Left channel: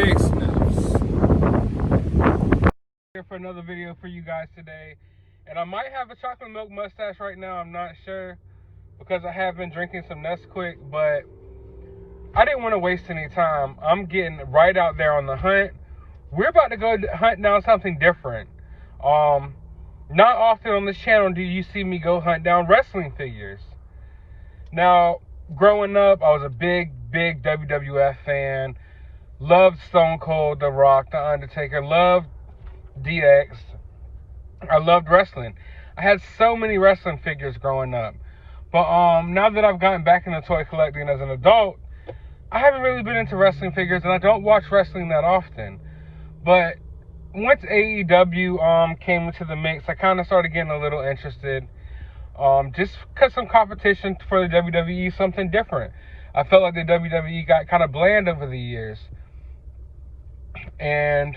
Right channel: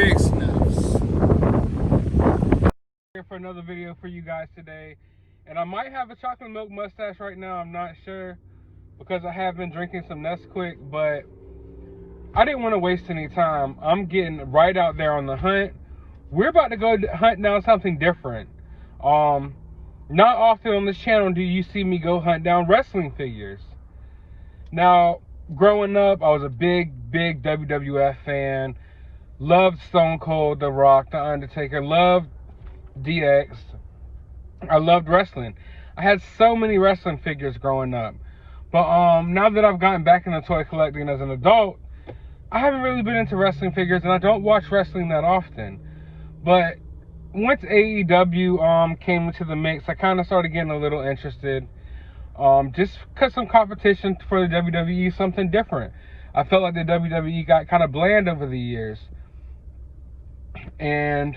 Big Sniffs. Here for another video for you guys today, and I might have a chocolate milk mustache right now. I'm not sure because I have been drinking some Nesquik, but I didn't want to waste any time. I'm getting right out there on the hunt. We're about to go hunt down something different. Not often on this channel do you see me go hunt down wrestling figures. Now, growing up, I was a big WWF fan. Loved Stone Cold, The Rock, The Undertaker. Loved DX. I loved wrestling. I had so many wrestling figures growing up. But now that I've gotten back into toy collecting as an adult, I haven't really been into wrestling figures, and I don't watch wrestling that often. But once AEW came into the mix, I kind of started getting a little interested. Just because some competition for the WWE, something different. I felt like the WWE got kind of bland over the years. And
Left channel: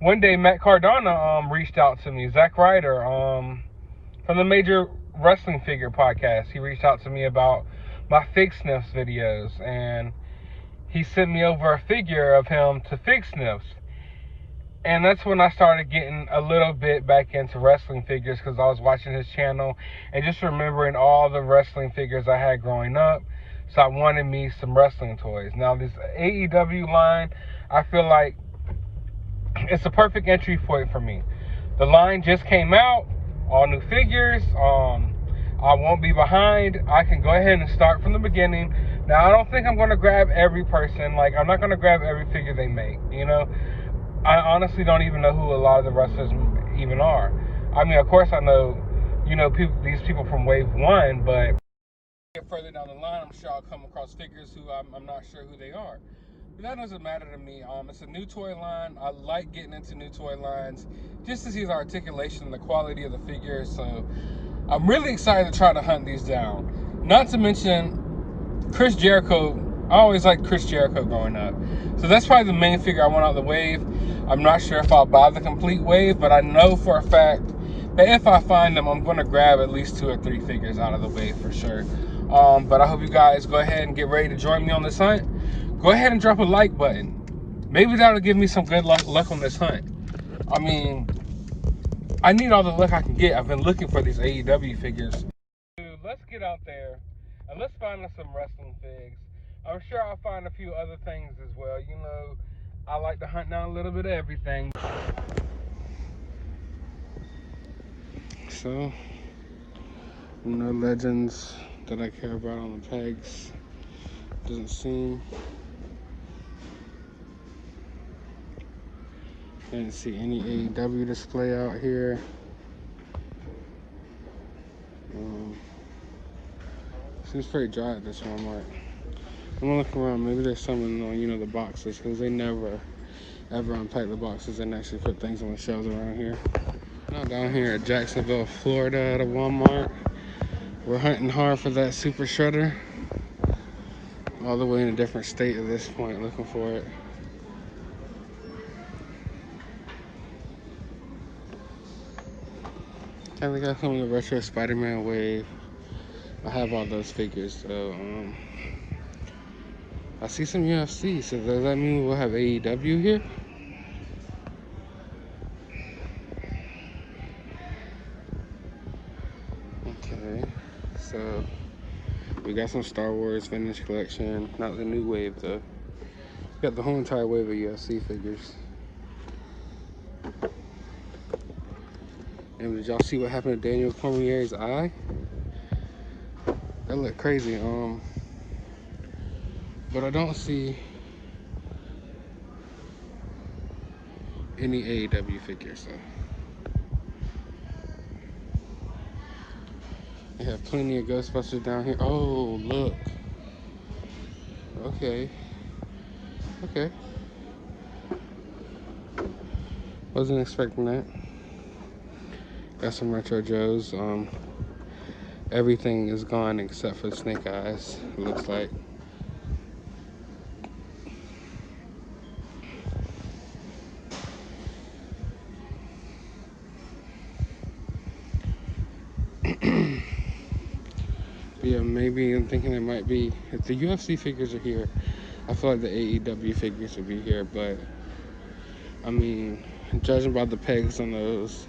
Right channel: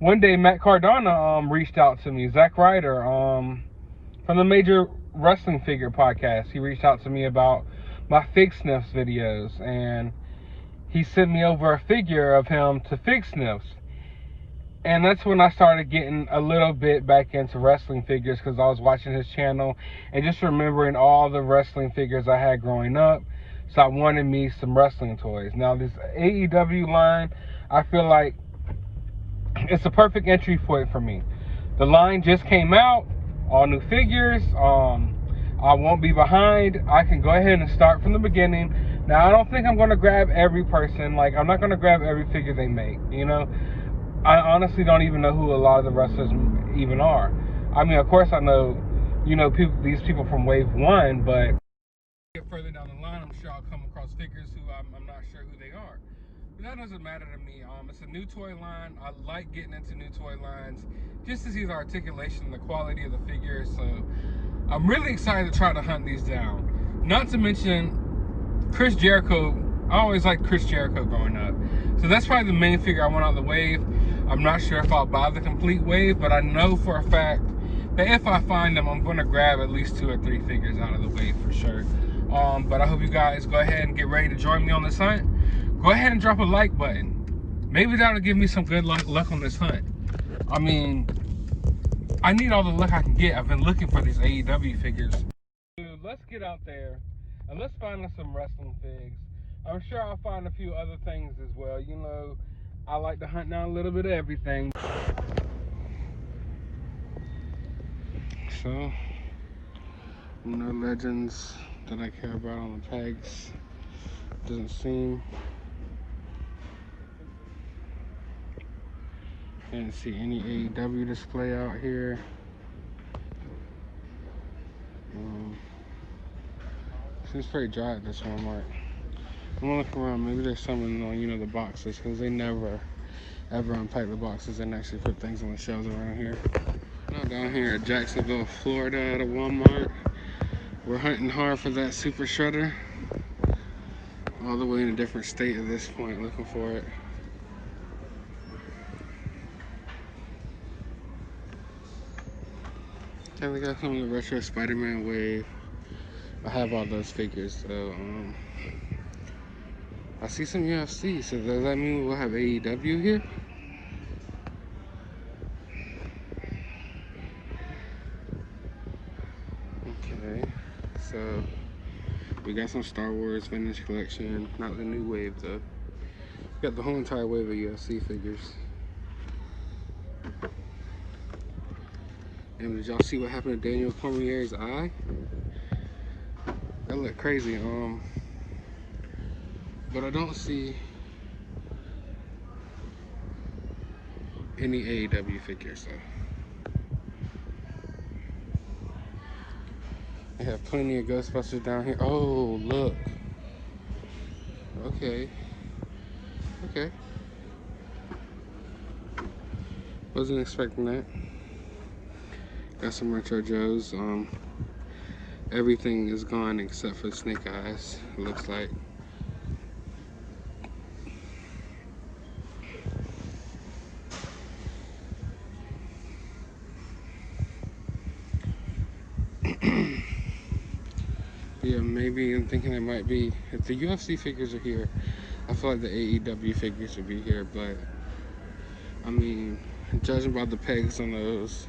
one day, Matt Cardona reached out to me, Zack Ryder, from the Major Wrestling Figure podcast. He reached out to me about my Fig Sniffs videos, and he sent me over a figure of him to Fig Sniffs. And that's when I started getting a little bit back into wrestling figures, because I was watching his channel and just remembering all the wrestling figures I had growing up. So I wanted me some wrestling toys. Now this AEW line, I feel like it's a perfect entry point for me. The line just came out, all new figures. I won't be behind. I can go ahead and start from the beginning. Now, I don't think I'm going to grab every person. Like, I'm not going to grab every figure they make, you know. I honestly don't even know who a lot of the wrestlers even are. I mean, of course I know, you know, these people from Wave 1, but get further down the line, I'm sure I'll come across figures who I'm not sure who they are. But that doesn't matter to me. It's a new toy line. I like getting into new toy lines just to see the articulation and the quality of the figures. So I'm really excited to try to hunt these down. Not to mention Chris Jericho. I always liked Chris Jericho growing up. So that's probably the main figure I want out of the wave. I'm not sure if I'll buy the complete wave, but I know for a fact that if I find them, I'm going to grab at least 2 or 3 figures out of the wave for sure. But I hope you guys go ahead and get ready to join me on this hunt. Go ahead and drop a like button. Maybe that'll give me some good luck on this hunt. I mean, I need all the luck I can get. I've been looking for these AEW figures. Dude, let's get out there and let's find us some wrestling figs. I'm sure I'll find a few other things as well. You know, I like to hunt down a little bit of everything. So, no legends that I care about on the tags. Doesn't seem. Can't see any AEW display out here. Seems pretty dry at this Walmart. I'm gonna look around. Maybe there's something on, you know, the boxes, because they never ever unpack the boxes and actually put things on the shelves around here. Now down here at Jacksonville, Florida, at a Walmart, we're hunting hard for that super shredder. All the way in a different state at this point, looking for it. Kinda got some of the retro Spider-Man wave. I have all those figures, so I see some UFC, so does that mean we'll have AEW here? Okay, so we got some Star Wars vintage collection, not the new wave though. We got the whole entire wave of UFC figures. And did y'all see what happened to Daniel Cormier's eye? That looked crazy. But I don't see any AEW figures though. They have plenty of Ghostbusters down here. Oh, look. Okay. Okay. Wasn't expecting that. Got some Retro Joes. Everything is gone except for Snake Eyes, it looks like. Yeah, maybe I'm thinking it might be, if the UFC figures are here, I feel like the AEW figures would be here, but I mean, judging by the pegs on those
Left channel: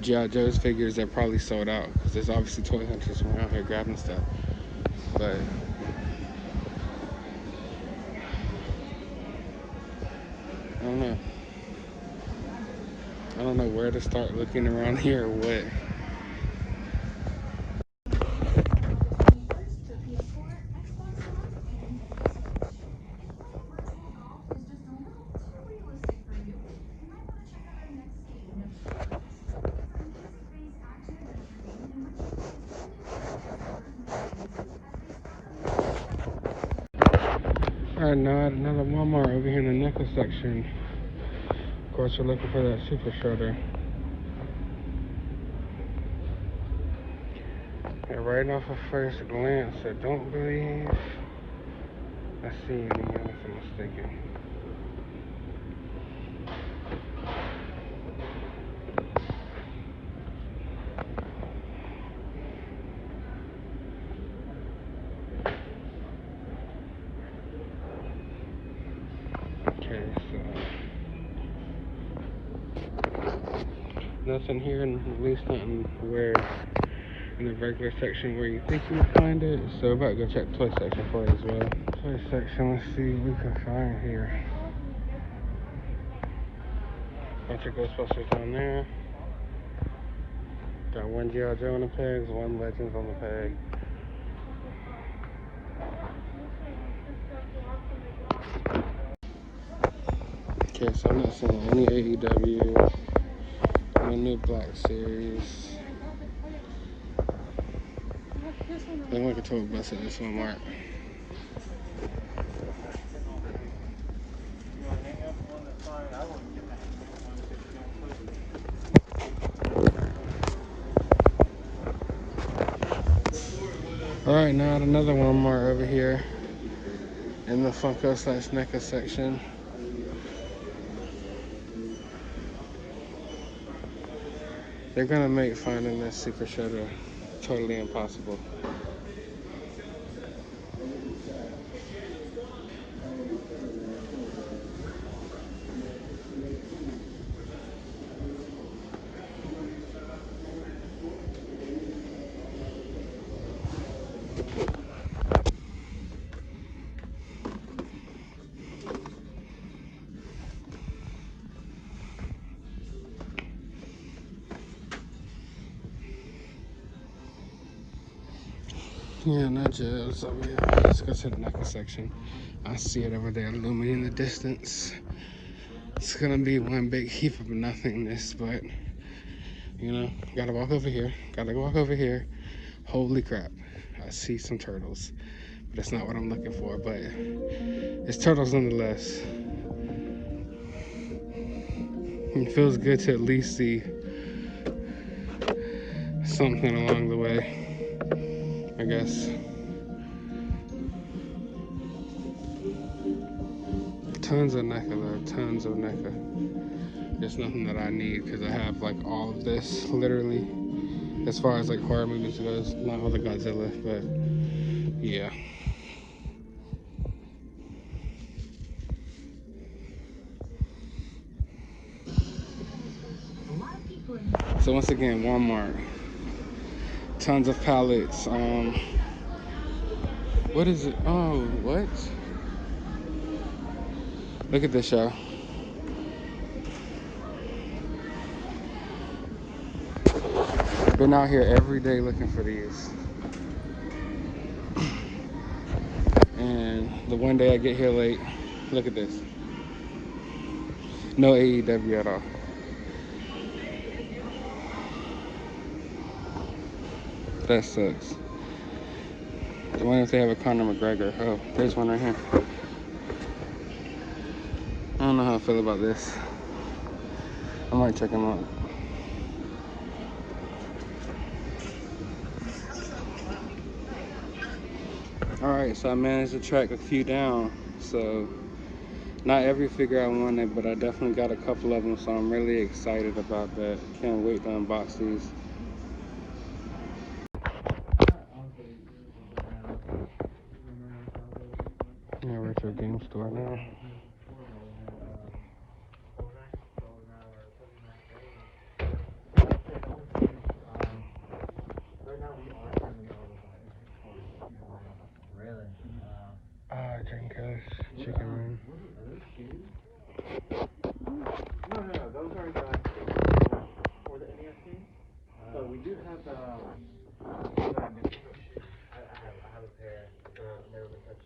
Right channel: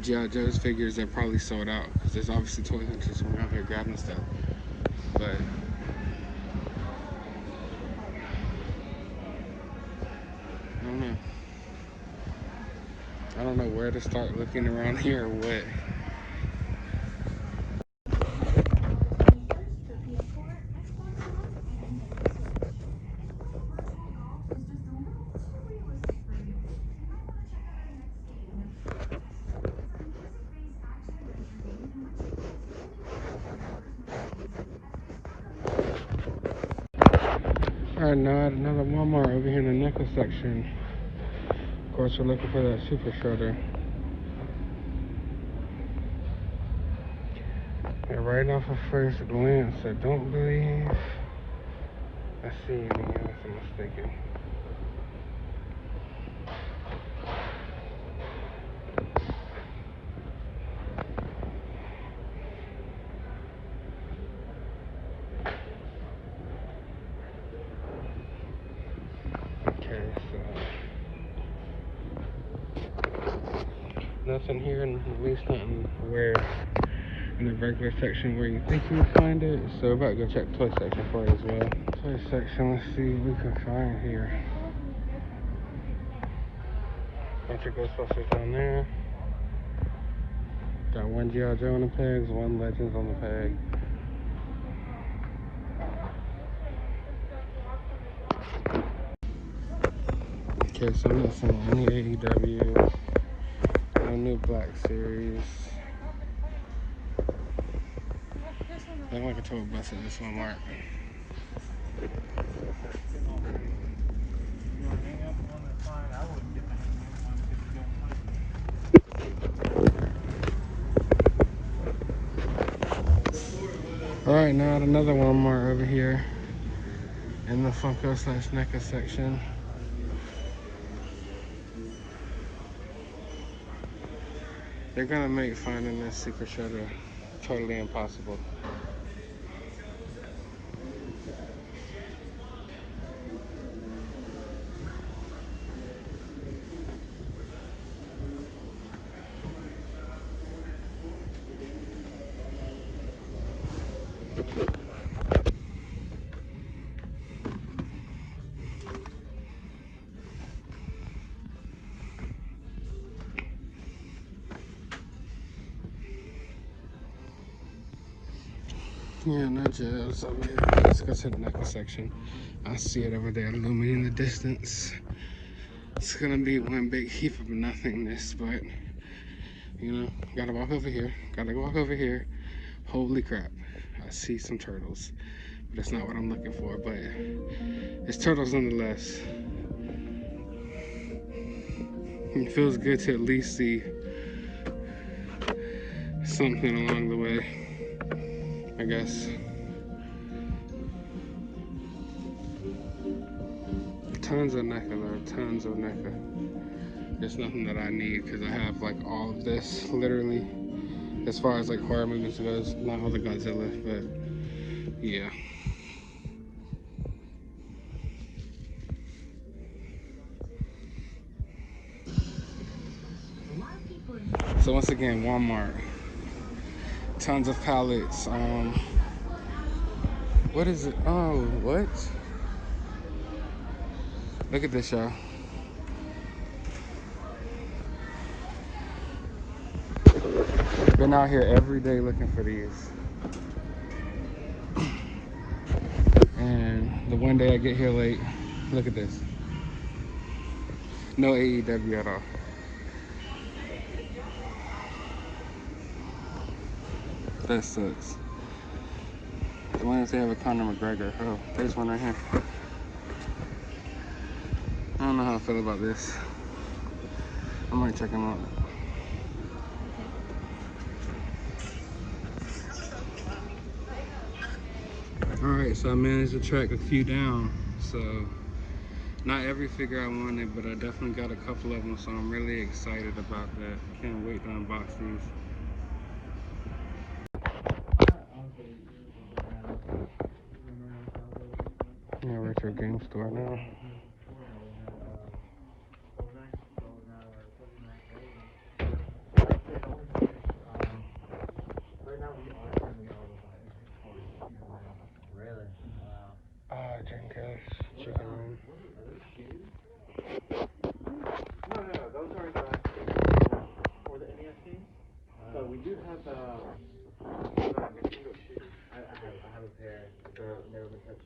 G.I. Joe's figures, they're probably sold out because there's obviously toy hunters around here grabbing stuff. But I don't know. I don't know where to start looking around here or what. Alright, now another Walmart over here in the NECA section. Of course, we're looking for that super shredder. And right off of first glance, I don't believe I see it unless I'm mistaken. Okay, so nothing here, and at least nothing where in the regular section where you think you would find it. So we're about to go check the toy section for it as well. Toy section, let's see what we can find here. Bunch of Ghostbusters down there. Got one G.I. Joe on the pegs, one Legends on the peg. Okay, so I'm not seeing any AEW, no new Black Series. Look like a total bus at this Walmart. Alright, now at another Walmart over here in the Funko / NECA section. They're gonna make finding this super shredder totally impossible. Yeah, not jabs over here. Let's go to the NECA section. I see it over there looming in the distance. It's gonna be one big heap of nothingness, but you know, gotta walk over here. Gotta walk over here. Holy crap. I see some turtles. That's not what I'm looking for, but it's turtles nonetheless. It feels good to at least see something along the way, I guess. Tons of NECA though, tons of NECA. There's nothing that I need because I have like all of this, literally, as far as like horror movies goes. Not all the Godzilla, but yeah. So once again, Walmart. Tons of pallets. What is it? Oh, what? Look at this, y'all. Been out here every day looking for these. And the one day I get here late, look at this. No AEW at all. That sucks. I wonder if they have a Conor McGregor. Oh, there's one right here. I don't know how I feel about this. I might check them out. Alright, so I managed to track a few down. So, not every figure I wanted, but I definitely got a couple of them, so I'm really excited about that. Can't wait to unbox these. Yeah, Richard store now. Really? Wow. Drinking chicken wing. No, those are the for the NES games. So we do have the. I have a pair. Never been touched.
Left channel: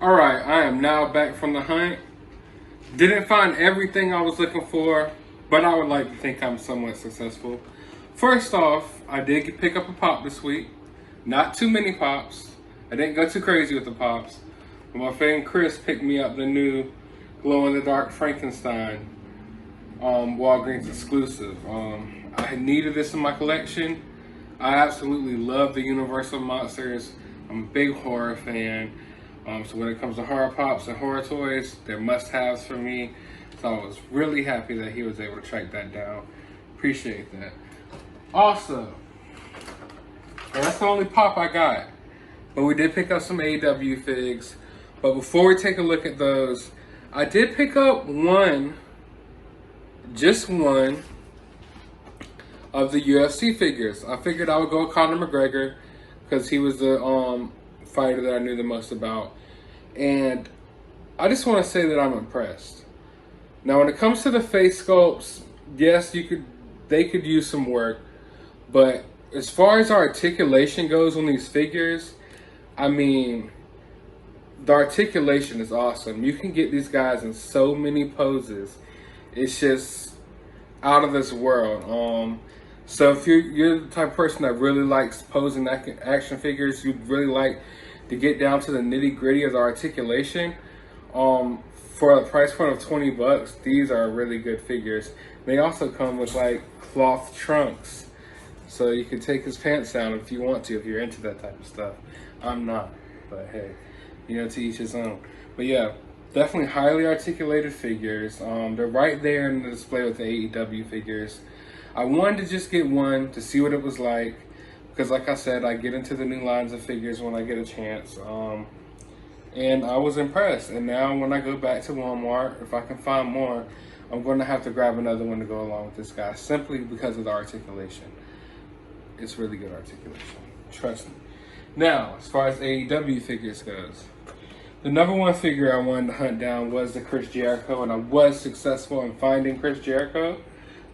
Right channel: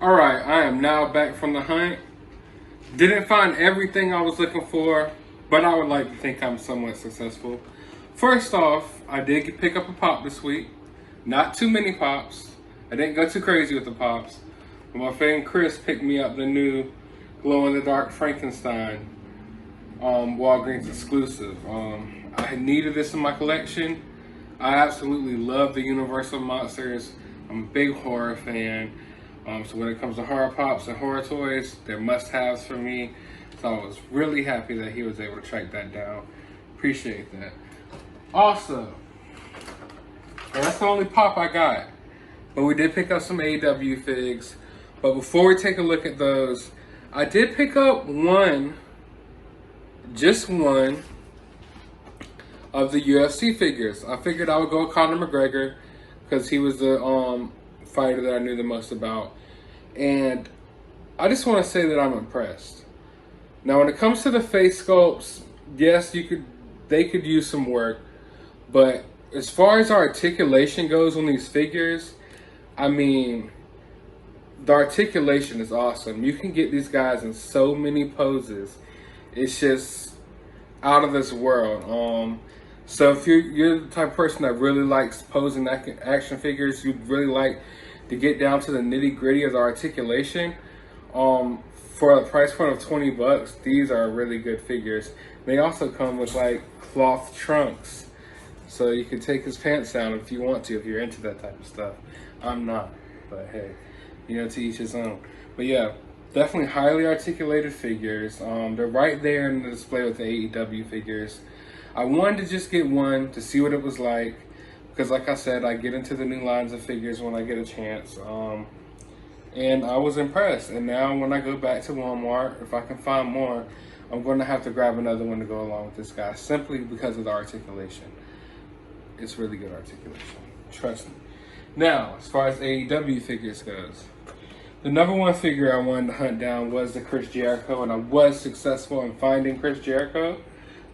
Alright, I am now back from the hunt. Didn't find everything I was looking for, but I would like to think I'm somewhat successful. First off, I did pick up a pop this week. Not too many pops. I didn't go too crazy with the pops. But my friend Chris picked me up the new glow-in-the-dark Frankenstein Walgreens exclusive. I needed this in my collection. I absolutely love the Universal monsters. I'm a big horror fan. So when it comes to horror pops and horror toys, they're must-haves for me. So I was really happy that he was able to track that down. Appreciate that. Also, and that's the only pop I got. But we did pick up some AEW figs. But before we take a look at those, I did pick up just one of the UFC figures. I figured I would go with Conor McGregor because he was the fighter that I knew the most about. And I just want to say that I'm impressed. Now, when it comes to the face sculpts, yes, they could use some work. But as far as articulation goes on these figures, I mean, the articulation is awesome. You can get these guys in so many poses. It's just out of this world. So if you're the type of person that really likes posing action figures, you'd really like to get down to the nitty gritty of the articulation, for a price point of $20, these are really good figures. They also come with like cloth trunks, so you can take his pants down if you want to, if you're into that type of stuff. I'm not, but hey, to each his own. But yeah, definitely highly articulated figures. They're right there in the display with the AEW figures. I wanted to just get one to see what it was like, because like I said, I get into the new lines of figures when I get a chance. And I was impressed. And now when I go back to Walmart, if I can find more, I'm going to have to grab another one to go along with this guy, simply because of the articulation. It's really good articulation. Trust me. Now, as far as AEW figures goes, the number one figure I wanted to hunt down was the Chris Jericho, and I was successful in finding Chris Jericho,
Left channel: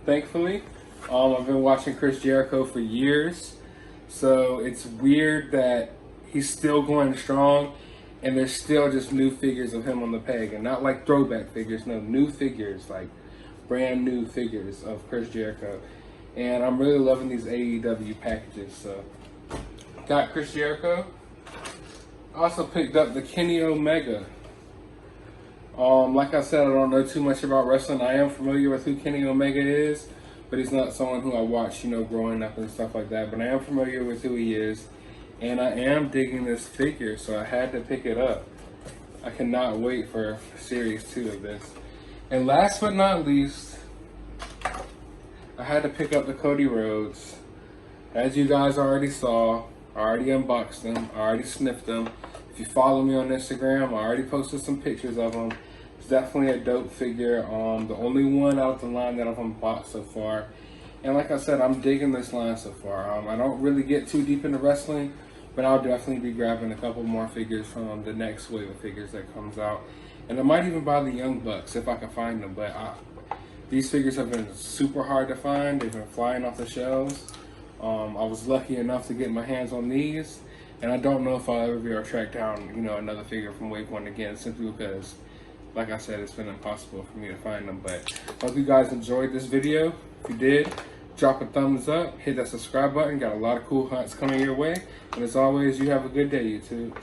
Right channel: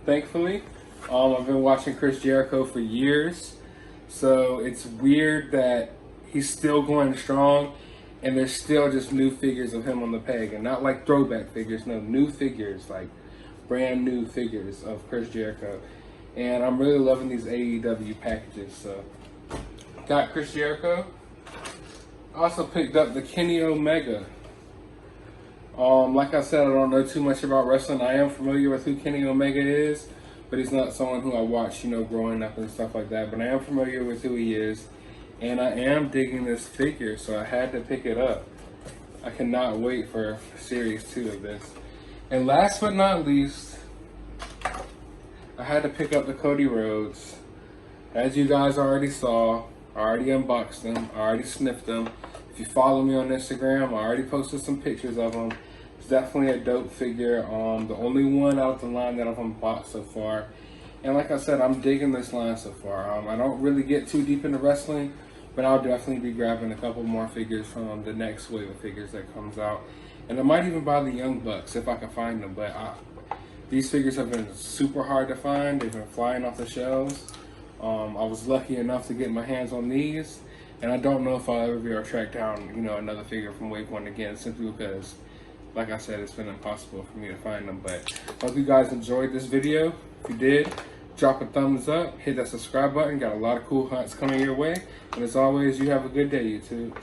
thankfully. I've been watching Chris Jericho for years. So it's weird that he's still going strong and there's still just new figures of him on the peg, and not like throwback figures, no, new figures, like brand new figures of Chris Jericho. And I'm really loving these AEW packages. So got Chris Jericho. Also picked up the Kenny Omega. Like I said, I don't know too much about wrestling. I am familiar with who Kenny Omega is, but he's not someone who I watched, growing up and stuff like that. But I am familiar with who he is, and I am digging this figure, so I had to pick it up. I cannot wait for Series 2 of this. And last but not least, I had to pick up the Cody Rhodes. As you guys already saw, I already unboxed them, I already sniffed them. If you follow me on Instagram, I already posted some pictures of them. It's definitely a dope figure. The only one out of the line that I've unboxed so far. And like I said, I'm digging this line so far. I don't really get too deep into wrestling, but I'll definitely be grabbing a couple more figures from the next wave of figures that comes out. And I might even buy the Young Bucks if I can find them. But these figures have been super hard to find. They've been flying off the shelves. I was lucky enough to get my hands on these. And I don't know if I'll ever be able to track down, another figure from Wave 1 again, simply because, like I said, it's been impossible for me to find them. But I hope you guys enjoyed this video. If you did, drop a thumbs up, hit that subscribe button. Got a lot of cool hunts coming your way. And as always, you have a good day, YouTube.